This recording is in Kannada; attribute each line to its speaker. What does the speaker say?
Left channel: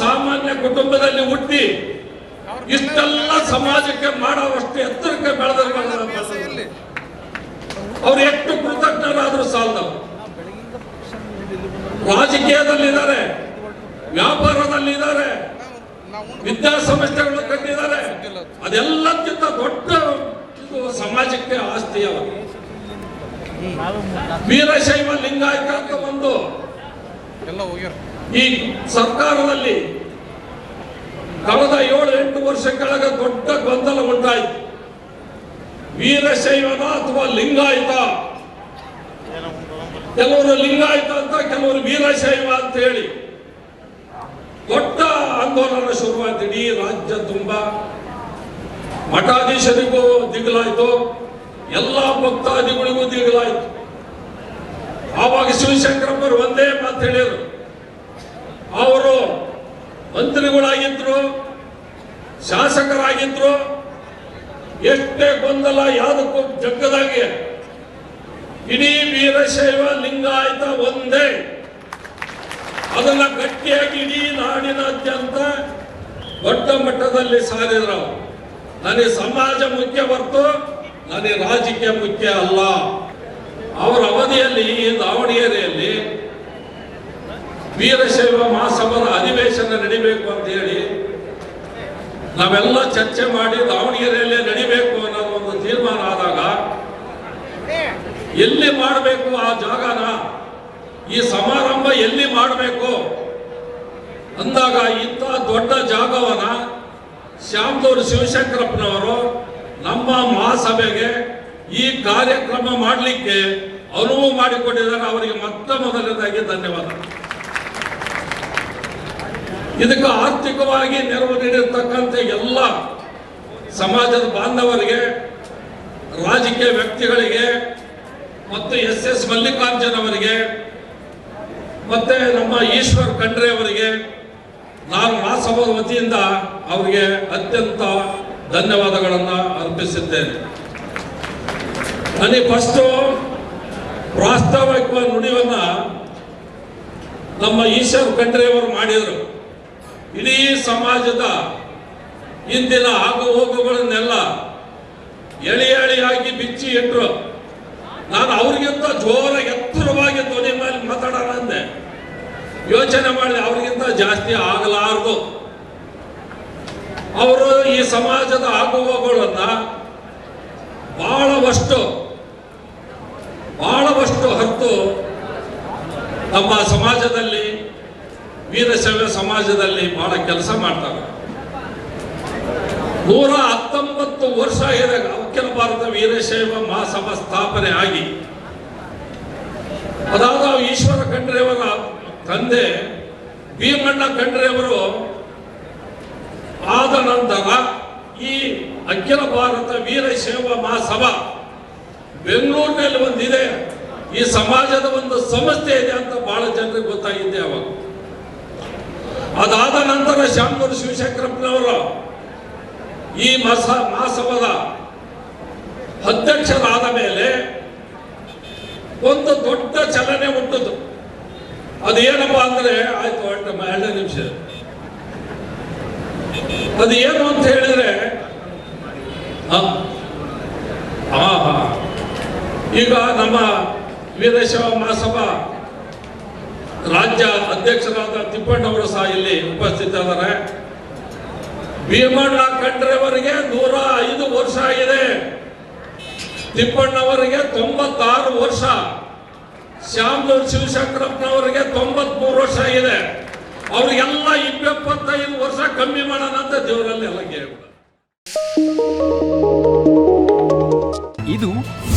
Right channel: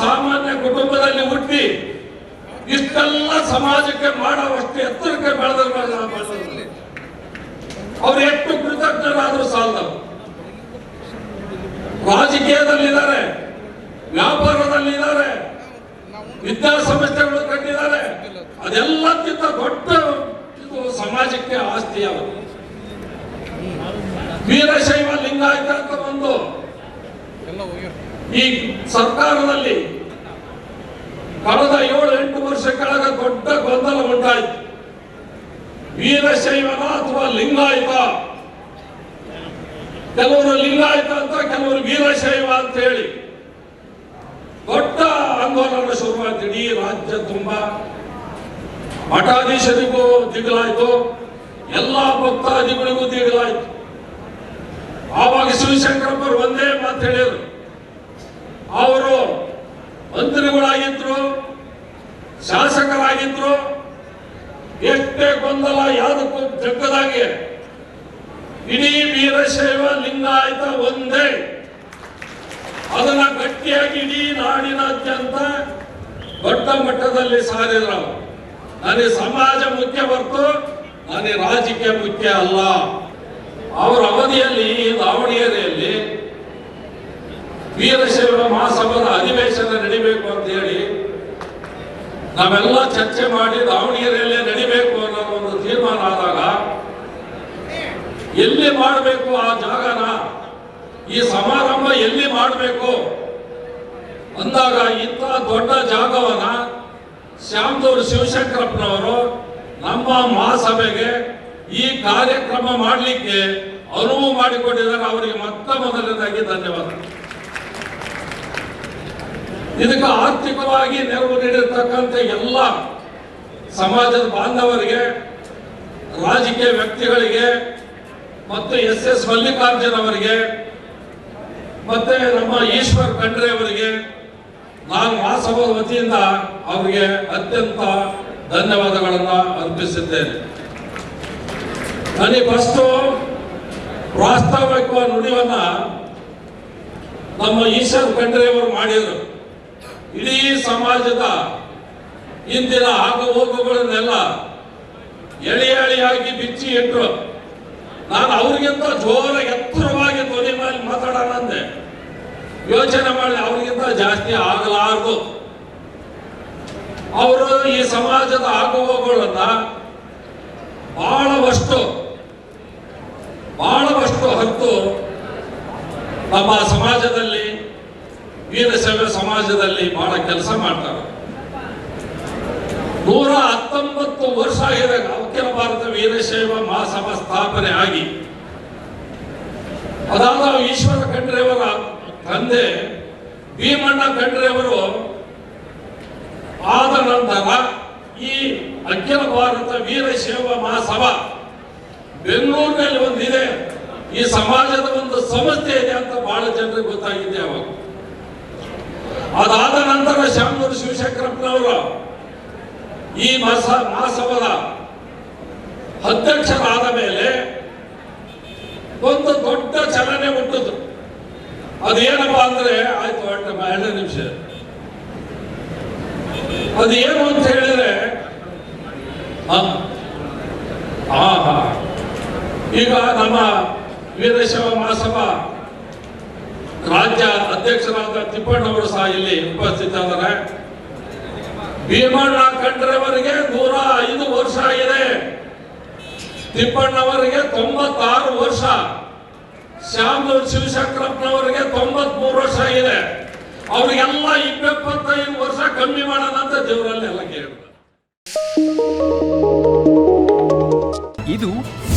Speaker 1: ಸಾಮಾನ್ಯ ಕುಟುಂಬದಲ್ಲಿ ಹುಟ್ಟಿ ಇಷ್ಟೆಲ್ಲ ಸಮಾಜಕ್ಕೆ ಮಾಡುವಷ್ಟು ಎತ್ತರಕ್ಕೆ ಬೆಳೆದವರು ಅವ್ರು ಎಷ್ಟು ಕೃತಜ್ಞರಾದರೂ ಸಾಲದು ರಾಜಕೀಯದಲ್ಲಿದ್ದಾರೆ, ವ್ಯಾಪಾರದಲ್ಲಿದ್ದಾರೆ, ವಿದ್ಯಾಸಂಸ್ಥೆಗಳು ಕಟ್ಟಿದ್ದಾರೆ. ಅದೆಲ್ಲಕ್ಕಿಂತ ದೊಡ್ಡ ಸಮಾಜಕ್ಕೆ ಆಸ್ತಿಯಲ್ಲ ವೀರಶೈವ ಲಿಂಗಾಯತ
Speaker 2: ಹೋಗ್ಯಾರ
Speaker 1: ಈ ಸರ್ಕಾರದಲ್ಲಿ ಕಳೆದ ಏಳು ಎಂಟು ವರ್ಷ ಕೆಳಗ ದೊಡ್ಡ ಗೊಂದಲ ಉಂಟಾಯಿತು. ವೀರಶೈವನ ಅಥವಾ ಲಿಂಗಾಯತ? ಕೆಲವರು ಲಿಂಗಾಯತ ಅಂತ, ಕೆಲವರು ವೀರಶೈವ ಅಂತ ಹೇಳಿ ದೊಡ್ಡ ಆಂದೋಲನ ಶುರು ಇಡೀ ರಾಜ್ಯ ತುಂಬಾ ಮಠಾಧೀಶರಿಗೂ ದಿಗಲಾಯ್ತು ಎಲ್ಲಾ ಭಕ್ತಾದಿಗಳಿಗೂ ದಿಗಲಾಯ್ತು ಶಿವಶಂಕರಪ್ಪರು ಒಂದೇ ಮಾತು ಹೇಳಿದ್ರು. ಅವರು ಮಂತ್ರಿಗಳಾಗಿದ್ರು, ಶಾಸಕರಾಗಿದ್ರು, ಎಷ್ಟೇ ಗೊಂದಲ ಯಾವುದಕ್ಕೂ ಜಗ್ಗದಾಗೆ ಇಡೀ ವೀರಶೈವ ಲಿಂಗಾಯತ ಒಂದೇ. ಅದನ್ನ ಗಟ್ಟಿಯಾಗಿ ಇಡೀ ನಾಡಿನಾದ್ಯಂತ ದೊಡ್ಡ ಮಟ್ಟದಲ್ಲಿ ಸಾರಿದ್ರು ನನಗೆ ಸಮಾಜ ಮುಖ್ಯ ಹೊರತು ನನಗೆ ರಾಜಕೀಯ ಮುಖ್ಯ ಅಲ್ಲ. ಅವರ ಅವಧಿಯಲ್ಲಿ ದಾವಣಗೆರೆಯಲ್ಲಿ ವೀರಶೈವ ಮಹಾಸಭಾದ ಅಧಿವೇಶನ ನಡಿಬೇಕು ಅಂತ ಹೇಳಿ ನಾವೆಲ್ಲ ಚರ್ಚೆ ಮಾಡಿ ದಾವಣಗೆರೆಯಲ್ಲೇ ನಡಿಬೇಕು ಅನ್ನೋ ಒಂದು ತೀರ್ಮಾನ ಆದಾಗ ಎಲ್ಲಿ ಮಾಡಬೇಕು ಆ ಜಾಗನ? ಈ ಸಮಾರಂಭ ಎಲ್ಲಿ ಮಾಡಬೇಕು? ಅಂದಾಗ ಇಂಥ ದೊಡ್ಡ ಜಾಗವನ್ನ ಶ್ಯಾಮದೂರು ಶಿವಶಂಕರಪ್ಪನವರು ನಮ್ಮ ಮಹಾಸಭೆಗೆ ಈ ಕಾರ್ಯಕ್ರಮ ಮಾಡಲಿಕ್ಕೆ ಅನುವು ಮಾಡಿಕೊಟ್ಟಿದ್ದಾರೆ ಅವರಿಗೆ ಮೊತ್ತ ಮೊದಲನೇದಾಗಿ ಧನ್ಯವಾದ. ಇದಕ್ಕೆ ಆರ್ಥಿಕವಾಗಿ ನೆರವು ನೀಡಿರ್ತಕ್ಕಂಥ ಎಲ್ಲ ಸಮಾಜದ ಬಾಂಧವರಿಗೆ, ರಾಜಕೀಯ ವ್ಯಕ್ತಿಗಳಿಗೆ, ಮತ್ತು ಎಸ್ ಎಸ್ ಮಲ್ಲಿಕಾರ್ಜುನ್ ಅವರಿಗೆ ಮತ್ತೆ ನಮ್ಮ ಈಶ್ವರ್ ಖಂಡ್ರೆ ಅವರಿಗೆ, ನಾನು ಮಹಾಸಭಾ ವತಿಯಿಂದ ಅವರಿಗೆ ಅತ್ಯಂತ ಧನ್ಯವಾದಗಳನ್ನು ಅರ್ಪಿಸಿದ್ದೇನೆ. ನನಗೆ ಫಸ್ಟು ವಾಸ್ತವಿಕ ನುಡಿಯನ್ನ ನಮ್ಮ ಈಶ್ವರ್ ಖಂಡ್ರೆ ಮಾಡಿದರು. ಇಡೀ ಸಮಾಜದ ಇಂದಿನ ಆಗು ಹೋಗುಗಳನ್ನೆಲ್ಲ ಎಳೆ ಎಳೆಯಾಗಿ ಬಿಚ್ಚಿ ಇಟ್ಟರು ನಾನು ಅವರಿಗಿಂತ ಜೋರ ಎತ್ತರವಾಗಿ ಧ್ವನಿ ಮಾಡಿ ಮಾತಾಡೋಣ ಅಂದೆ. ಯೋಚನೆ ಮಾಡಿ ಅವರಿಗಿಂತ ಜಾಸ್ತಿ ಆಗಲಾರದು. ಅವರು ಈ ಸಮಾಜದ ಆಗುಹೋಗುಗಳನ್ನ ಬಹಳವಷ್ಟು ಬಹಳವಷ್ಟು ಹೊತ್ತು ನಮ್ಮ ಸಮಾಜದಲ್ಲಿ ವೀರಶೈವ ಸಮಾಜದಲ್ಲಿ ಬಹಳ ಕೆಲಸ ಮಾಡ್ತಾರೆ. ನೂರ ಹತ್ತೊಂಬತ್ತು ವರ್ಷ ಆಗಿದೆ ಅಖಿಲ ಭಾರತ ವೀರಶೈವ ಮಹಾಸಭಾ ಸ್ಥಾಪನೆ ಆಗಿ. ಅದಾದ ಈಶ್ವರ ಖಂಡ್ರೆಯವರ ತಂದೆ ಭೀಮಣ್ಣ ಖಂಡ್ರೆಯವರು ಆದ ನಂತರ ಈ ಅಖಿಲ ಭಾರತ ವೀರಶೈವ ಮಹಾಸಭಾ ಬೆಂಗಳೂರಿನಲ್ಲಿ ಒಂದಿದೆ. ಈ ಸಮಾಜದ ಒಂದು ಸಮಸ್ಯೆ ಇದೆ ಅಂತ ಬಹಳ ಜನರಿಗೆ ಗೊತ್ತಾಗಿದ್ದೆ ಅವಾಗ. ಅದಾದ ನಂತರ ಶಾಮನೂರು ಶಿವಶಂಕರಪ್ಪನವರು ಈ ಮಾಸ ಮಹಾಸಭದ ಅಧ್ಯಕ್ಷರಾದ ಮೇಲೆ ಒಂದು ದೊಡ್ಡ ಚಲನೆ ಉಂಟದ್ದು ಅದೇನಪ್ಪ ಅಂದ್ರೆ, ಆಯ್ತು ನಿಮಿಷ ಅದೇನು ಅಂತ ಹೇಳಿದ್ರೆ ಆ, ಆ, ಆ. ಈಗ ನಮ್ಮ ವೀರಶೈವ ಮಹಾಸಭಾ ರಾಜ್ಯ ಅಧ್ಯಕ್ಷರಾದ ತಿಪ್ಪಣ್ಣವರು ಸಹ ಇಲ್ಲಿ ಉಪಸ್ಥಿತರಿದ್ದಾರೆ. ಭೀಮಣ್ಣ ಖಂಡ್ರೆಯವರಿಗೆ ನೂರ ಐದು ವರ್ಷ ಆಗಿದೆ. ತಿಪ್ಪಣ್ಣವರಿಗೆ ತೊಂಬತ್ತಾರು ವರ್ಷ. ಶ್ಯಾಮನೂರ್ ಶಿವಶಂಕರಪ್ಪನವರಿಗೆ ತೊಂಬತ್ಮೂರು ವರ್ಷ ಆಗಿದೆ. ಅವ್ರಿಗೆಲ್ಲ ಇಪ್ಪತ್ತೈದು ವರ್ಷ ಕಮ್ಮಿ ಮಾಡೋಣ ಅಂತ ದೇವರಲ್ಲಿ ಎಲ್ಲ ಕೇಳಿ
Speaker 3: ಇದು